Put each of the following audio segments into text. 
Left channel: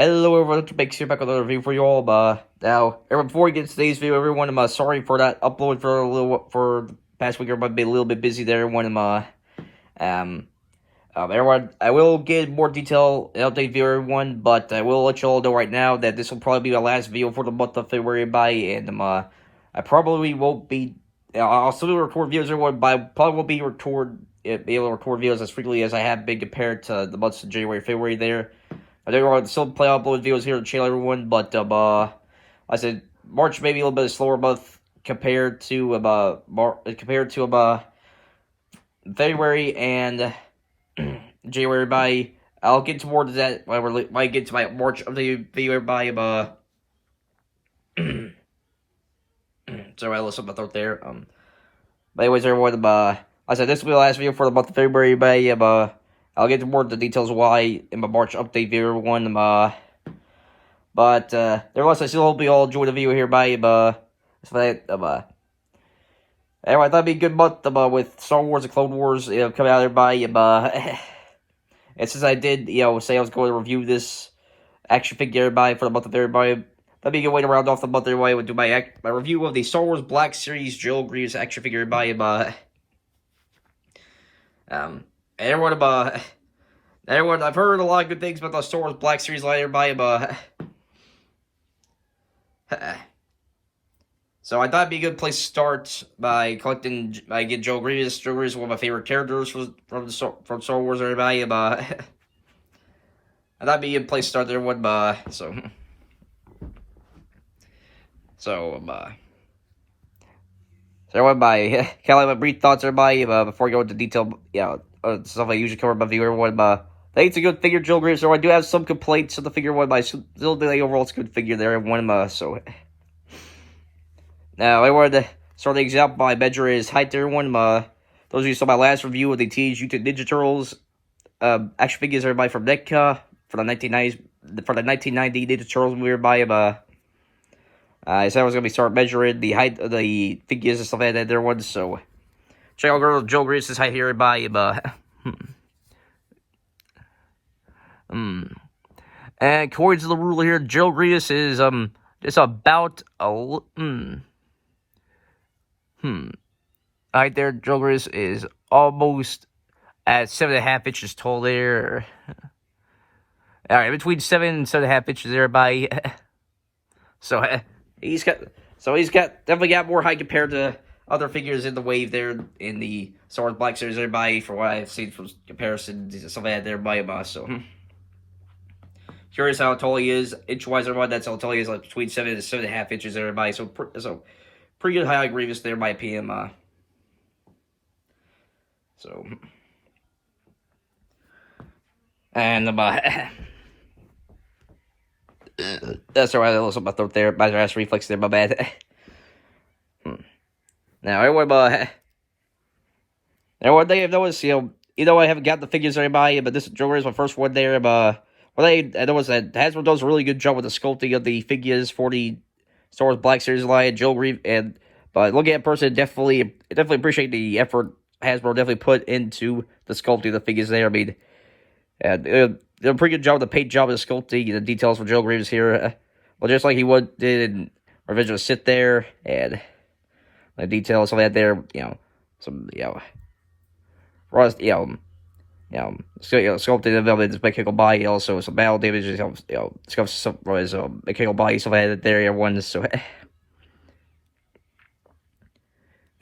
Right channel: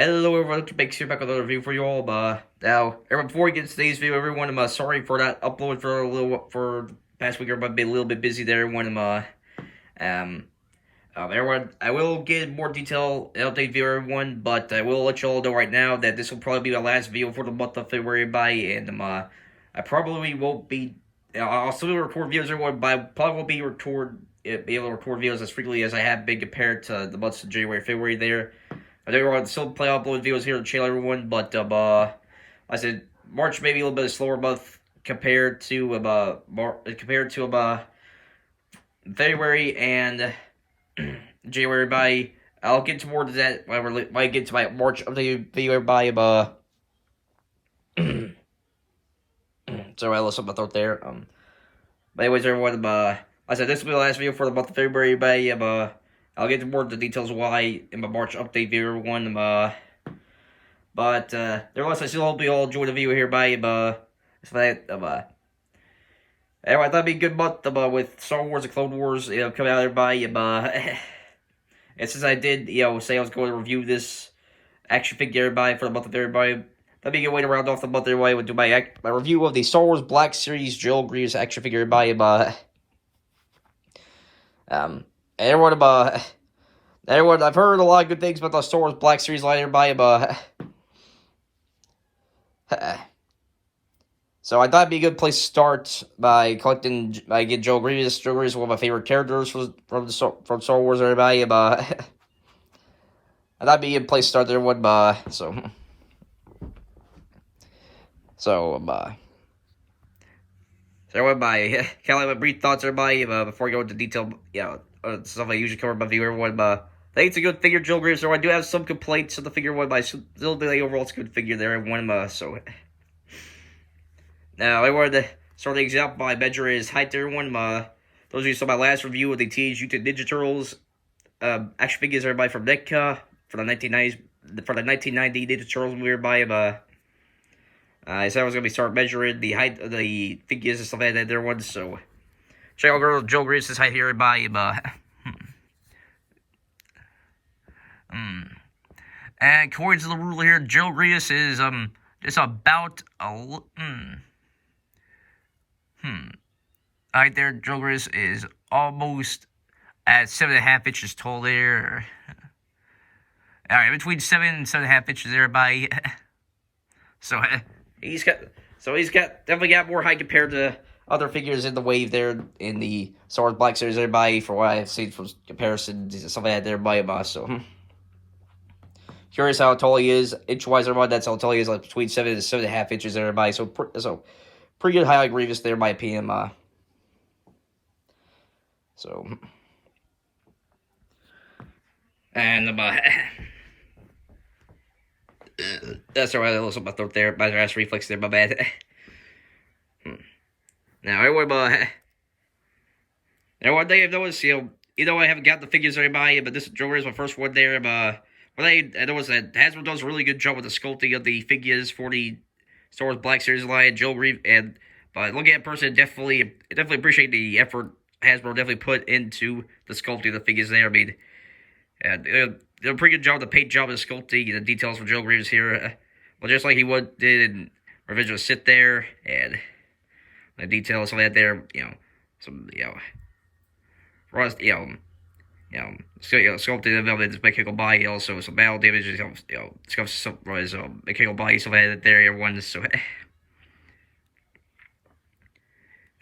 Hello everyone, Bakes here back with another review for you all. Now, everyone, before we get into today's video, everyone, I'm sorry for that upload for the past week. Everybody been a little bit busy there. Everyone, I will get more detail and update video, everyone, but I will let you all know right now that this will probably be my last video for the month of February, and I probably won't be. I'll still record videos, everyone, but I probably won't be able to record videos as frequently as I have been compared to the months of January, February there. I think we're still play upload videos here on the channel, everyone, but I said March may be a little bit of a slower month compared to February and January. I'll get towards that when I get to my March update video sorry, I lost my throat there. But anyways, everyone, I said this will be the last video for the month of February, I'll get to more of the details why in my March update video, everyone. Nevertheless, I still hope you all enjoy the video here, anyway, I thought it'd be a good month, with Star Wars and Clone Wars, coming out there, and since I did, say I was going to review this action figure, for the month of February, that'd be a good way to round off the month, everybody. I would do my review of the Star Wars Black Series Joel Grievous action figure, everyone, I've heard a lot of good things about the Star Wars Black Series line, so I thought it'd be a good place to start by getting Joel Grievous. Joel Grievous is one of my favorite characters from Star Wars, everybody, I thought it'd be a good place to start there, everyone, everyone, kind of like my brief thoughts, everybody, before I go into detail, stuff I usually cover in my video, everyone, I think it's a good figure, Joel Grievous, so I do have some complaints of the figure, but I still think overall it's a good figure there, everyone, now, I wanted to start the example by measuring his height there, everyone, those of you who saw my last review of the Teenage Mutant Ninja Turtles, action figures, everybody, from NECA, for the 1990 Ninja Turtles movie, everybody, I said I was going to start measuring the height of the figures and stuff like that there, everyone, so check out Joel Grievous' height here, everybody, and according to the rule here, Joel Grievous is, just about right there, Joel Grievous is almost at 7.5 inches tall there. Alright, between 7 and 7.5 inches there, everybody. So, he's definitely got more height compared to other figures in the wave there in the Star Wars Black Series, everybody, for what I've seen from comparisons and stuff like that there, everybody, so curious how tall he is, inch-wise, everybody. That's how tall he is, like between 7 and 7.5 inches, everybody. So pretty good height, Grievous there, in my opinion. That's alright. I lost my throat there. My last reflex there. My bad. Now, everyone, they have noticed, I haven't got the figures, everybody, but this Joel Grievous is my first one there. I noticed that Hasbro does a really good job with the sculpting of the figures for the Star Wars Black Series line, Joel Grievous, but looking at person, definitely appreciate the effort Hasbro definitely put into the sculpting of the figures there. I mean, did a pretty good job, the paint job of the sculpting, the details for Joel Grievous here. Well, just like he did in Revenge of the Sith there, and the details of that there, sculpting of his mechanical body, also some battle damage, some mechanical body, stuff like that there, everyone, so,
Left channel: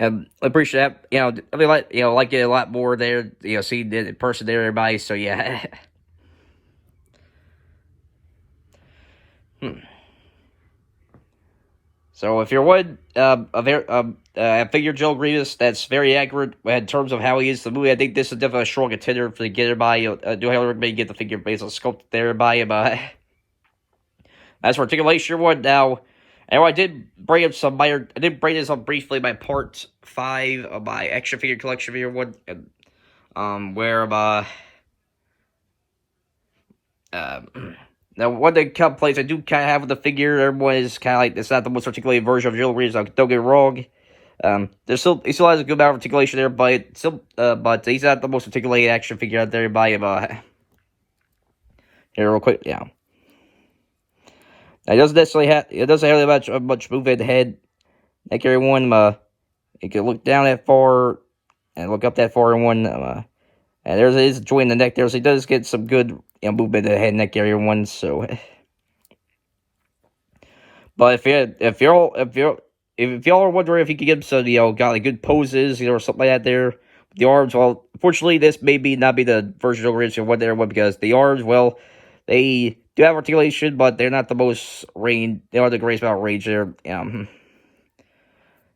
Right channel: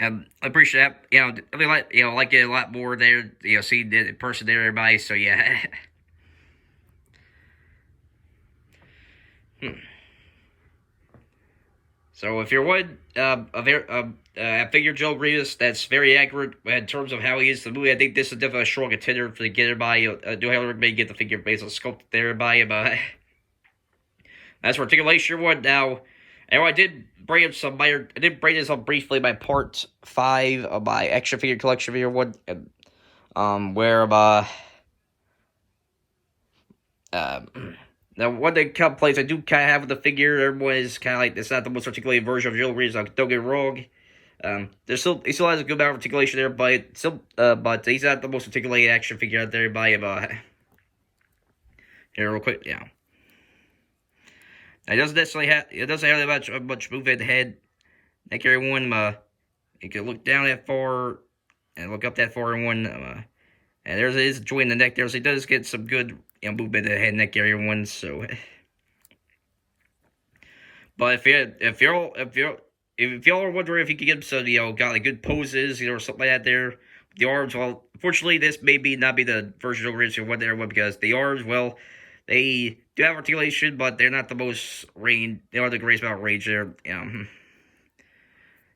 I appreciate that, I mean, like it a lot more there, seeing it in person there, everybody, so, yeah. So, if you're one, figure Joel Grievous that's very accurate in terms of how he is in the movie, I think this is definitely a strong contender for the get everybody. Do highly recommend you get the figure based on sculpt there, everybody. As for articulation, one now, I did bring this up briefly in my part 5 of my action figure collection video one, now, one of the complaints I do kind of have with the figure, everyone is kind of like, it's not the most articulated version of Joel Grievous, don't get me wrong. He still has a good amount of articulation there, but he's not the most articulated action figure out there by here real quick, It doesn't have much movement head. Neck area one. You can look down that far and look up that far in one. And there's a joint in the neck there, so he does get some good movement in the head and neck area one. So, but if y'all are wondering if you could get some got like good poses or something like that there, the arms, well, unfortunately this may not be the version of Grievous what there one because the arms, well, they do have articulation, but they're not the most range. They are the greatest amount of range there.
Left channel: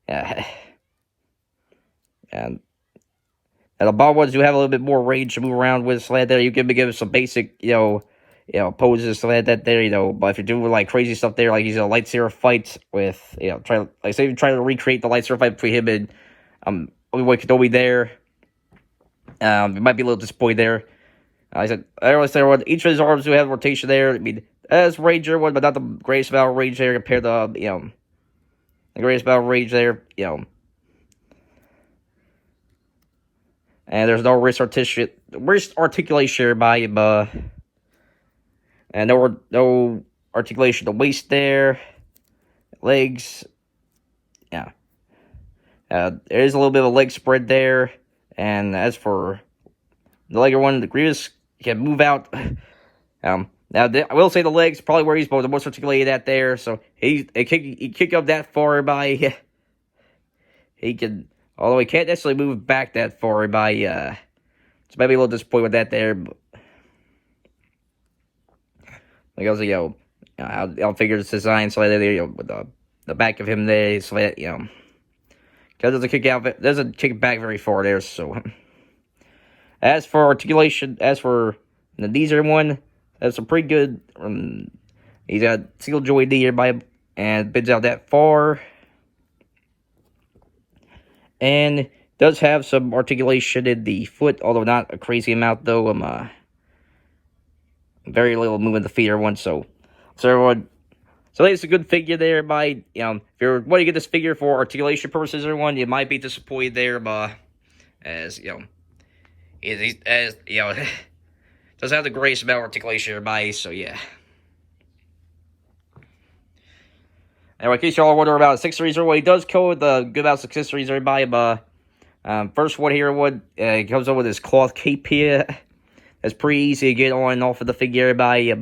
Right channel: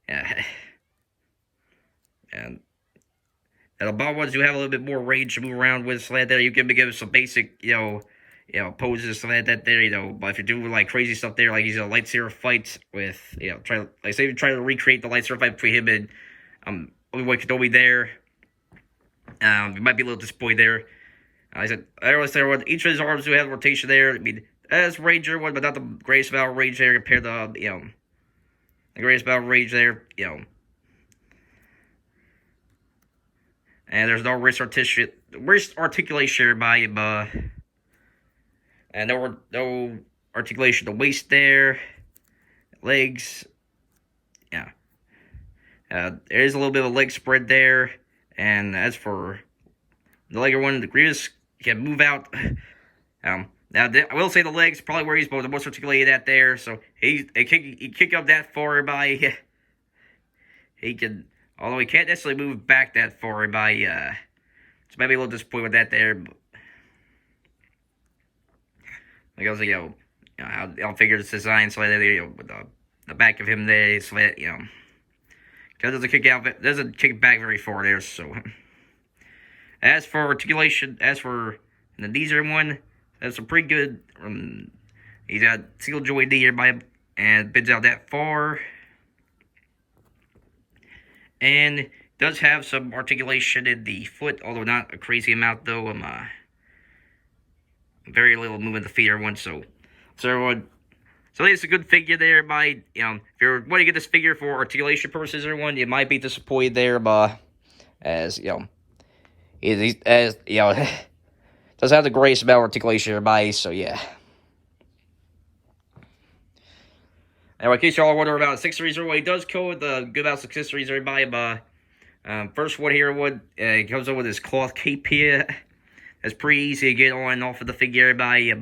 Yeah. And the bottom ones do have a little bit more range to move around with. So like that, you can give some basic, poses, so like that there, But if you're doing like crazy stuff there, like these lightsaber fights with, say you try to recreate the lightsaber fight between him and Obi-Wan Kenobi there, you might be a little disappointed there. I always say each of his arms do have rotation there. I mean, as Ranger one, but not the greatest amount of range there compared to the greatest amount of range there, And there's no wrist articulation by him, and no articulation of the waist there, legs, yeah. There is a little bit of a leg spread there, and as for the leg one, the Grievous can move out. Now I will say the legs probably where he's the most articulated at there, so he kick up that far by he can. Although he can't necessarily move back that far by, so maybe a little disappointed with that there. But like I was like, I'll figure this design so that with the back of him there, so that because doesn't kick back very far there. So as for articulation, as for the knees one, that's a pretty good. He's got single joint knee here by and bends out that far. And does have some articulation in the foot, although not a crazy amount, though. Very little movement of the feet or one, so it's a good figure there. If you're wanting to get this figure for articulation purposes or one, you might be disappointed there, but as doesn't have the greatest amount of articulation in body, so yeah. Anyway, in case y'all are wondering about accessories or what, he does come with a good amount of accessories, everybody. First one here, he comes up with his cloth cape here. That's pretty easy to get on and off of the figure, everybody.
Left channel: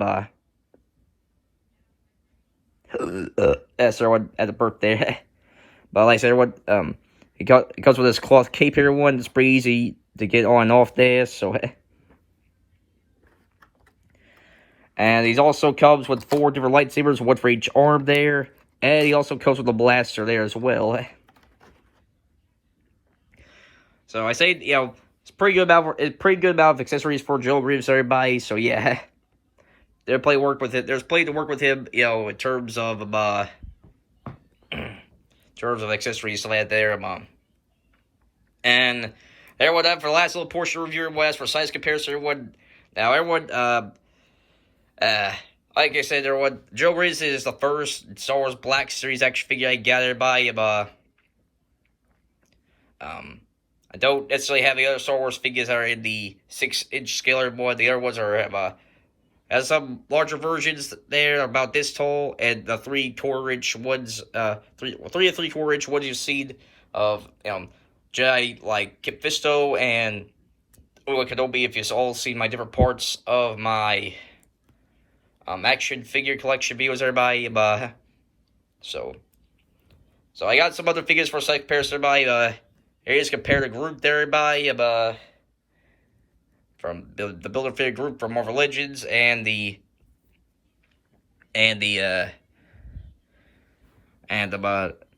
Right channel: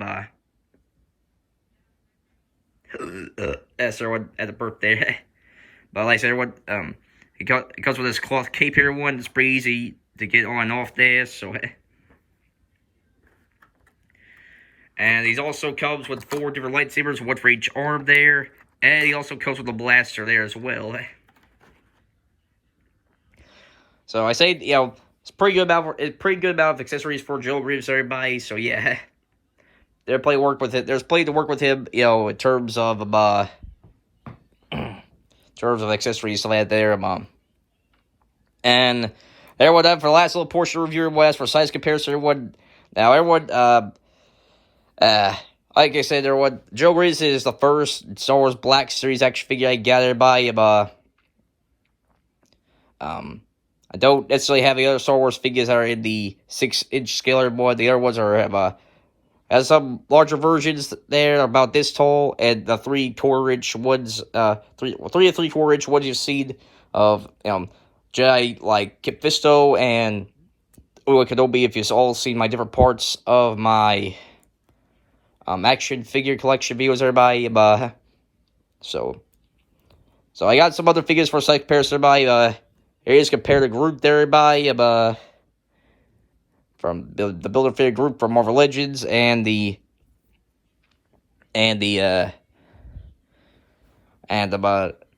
That's everyone at the birthday. But like I said, everyone, he comes with this cloth cape here, one. It's pretty easy to get on and off there, so. And he also comes with 4 different lightsabers, one for each arm there. And he also comes with a blaster there as well. So I say, it's pretty good amount of accessories for Joe Grievous, everybody. So yeah, there's plenty to work with him, in terms of accessories, so that there, And everyone, for the last little portion of the review, as for size comparison, everyone. Now everyone, like I said, Joe Grievous is the first Star Wars Black Series action figure I gathered by. I don't necessarily have the other Star Wars figures that are in the 6-inch scale anymore. The other ones have some larger versions there about this tall, and the 3 4-inch ones, 3 or 3/4-inch ones you've seen of Jedi like Kit Fisto and Obi-Wan Kenobi. If you've all seen my different parts of my action figure collection videos, everybody. So I got some other figures for size comparison, everybody. Here is compare the group there, everybody. From the Builder Figure group from Marvel Legends and the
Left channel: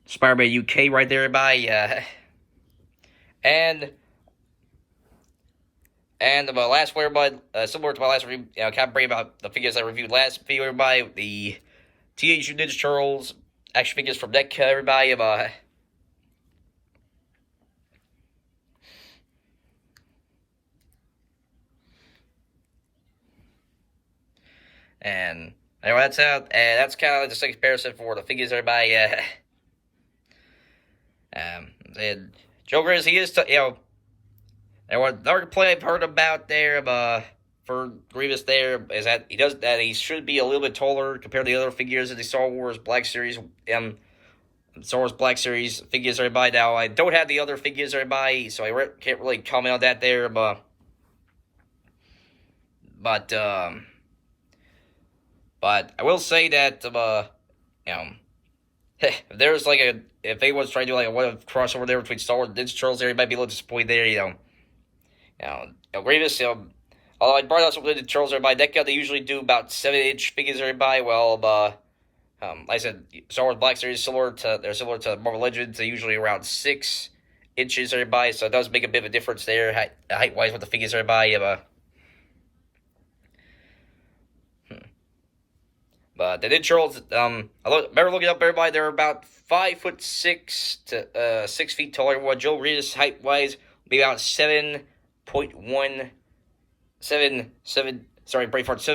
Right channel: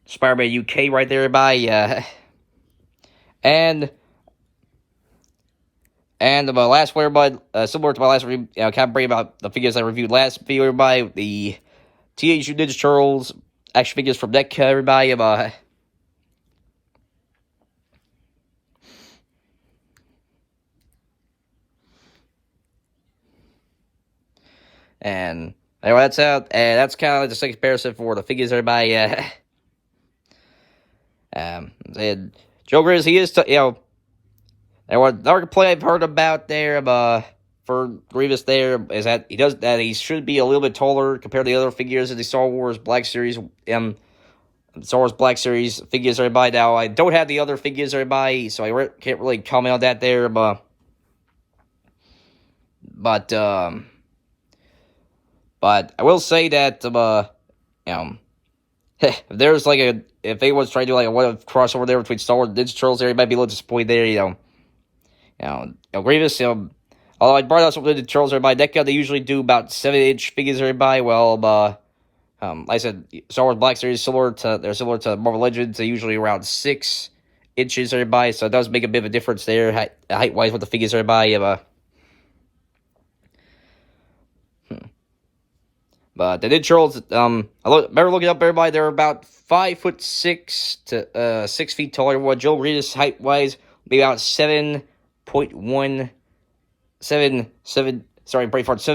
Spider-Man UK right there, everybody. And the last one, everybody, similar to my last review, kind of bring about the figures I reviewed last video, everybody. The Teenage Mutant Ninja Turtles action figures from NECA, everybody. And anyway, that's out, and that's kind of like the second comparison for the figures, everybody. And Joe Grievous, he is, everyone, another play I've heard about there, for Grievous there is that he should be a little bit taller compared to the other figures of the Star Wars Black Series Star Wars Black Series figures I buy now. I don't have the other figures I buy, so I can't really comment on that there, but I will say that if there's like if anyone's trying to do like a crossover there between Star Wars and Ninja Turtles, there you might be a little disappointed there, Grievous, although I brought out some of the Turtles everybody, that guy, they usually do about 7-inch figures everybody. Well, like I said, Star Wars Black Series they're similar to Marvel Legends. They're usually around 6 inches everybody, so it does make a bit of a difference there, height wise with the figures everybody. But the Ninja Turtles, remember looking up everybody, they're about 5'6" to 6 feet taller. What Joe Grievous height wise be about 7.1. 7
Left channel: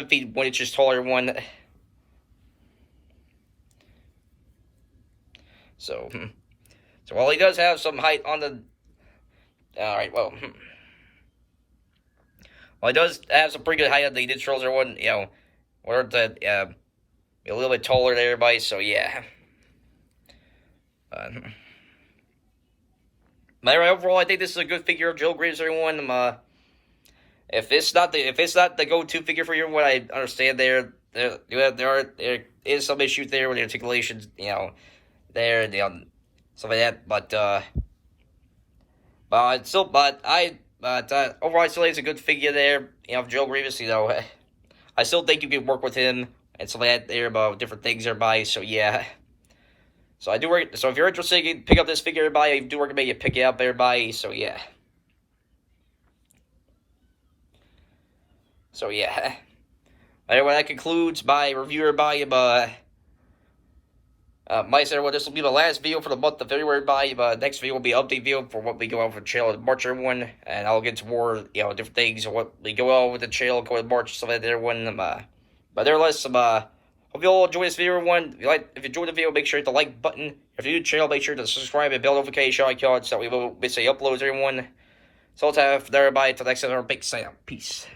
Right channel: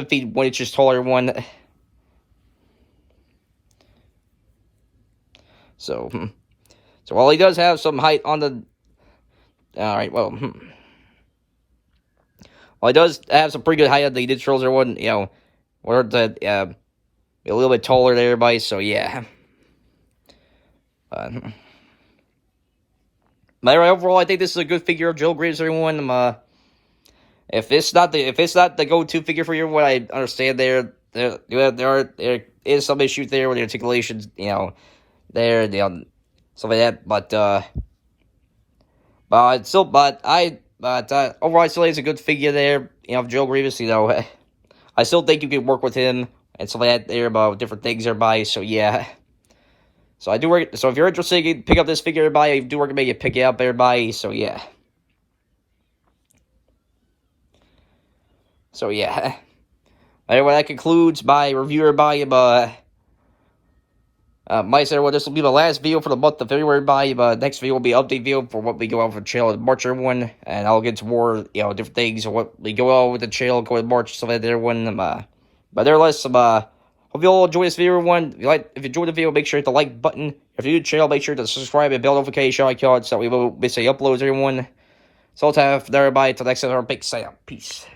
feet 1 inches taller one. So while he does have some height on the, while he does have some pretty good height on the Ninja Turtles, one, we're a little bit taller than everybody. So yeah. But anyway, overall, I think this is a good figure of Joe Grievous, everyone. If it's not the go-to figure for you, what I understand there is some issues there with the articulations, stuff like that. But overall, I still think it's a good figure there. Joe Grievous. I still think you can work with him and stuff like that there about different things, everybody. So yeah. So so if you're interested, you can pick up this figure, everybody. I do recommend you pick it up, everybody. So yeah. So yeah. Anyway, that concludes my review, everybody. This will be the last video for the month of February, everybody. But next video will be an update video for what we go out for the channel in March, everyone. And I'll get to more, different things of what we go out with the channel going in March, stuff like that, everyone. But nevertheless, hope you all enjoy this video, everyone. If you enjoyed the video, make sure to hit the like button. If you're new to the channel, make sure to subscribe and bell notification icon so that we won't miss any uploads, everyone. So I'll have everybody till next time. Big sign out. Peace.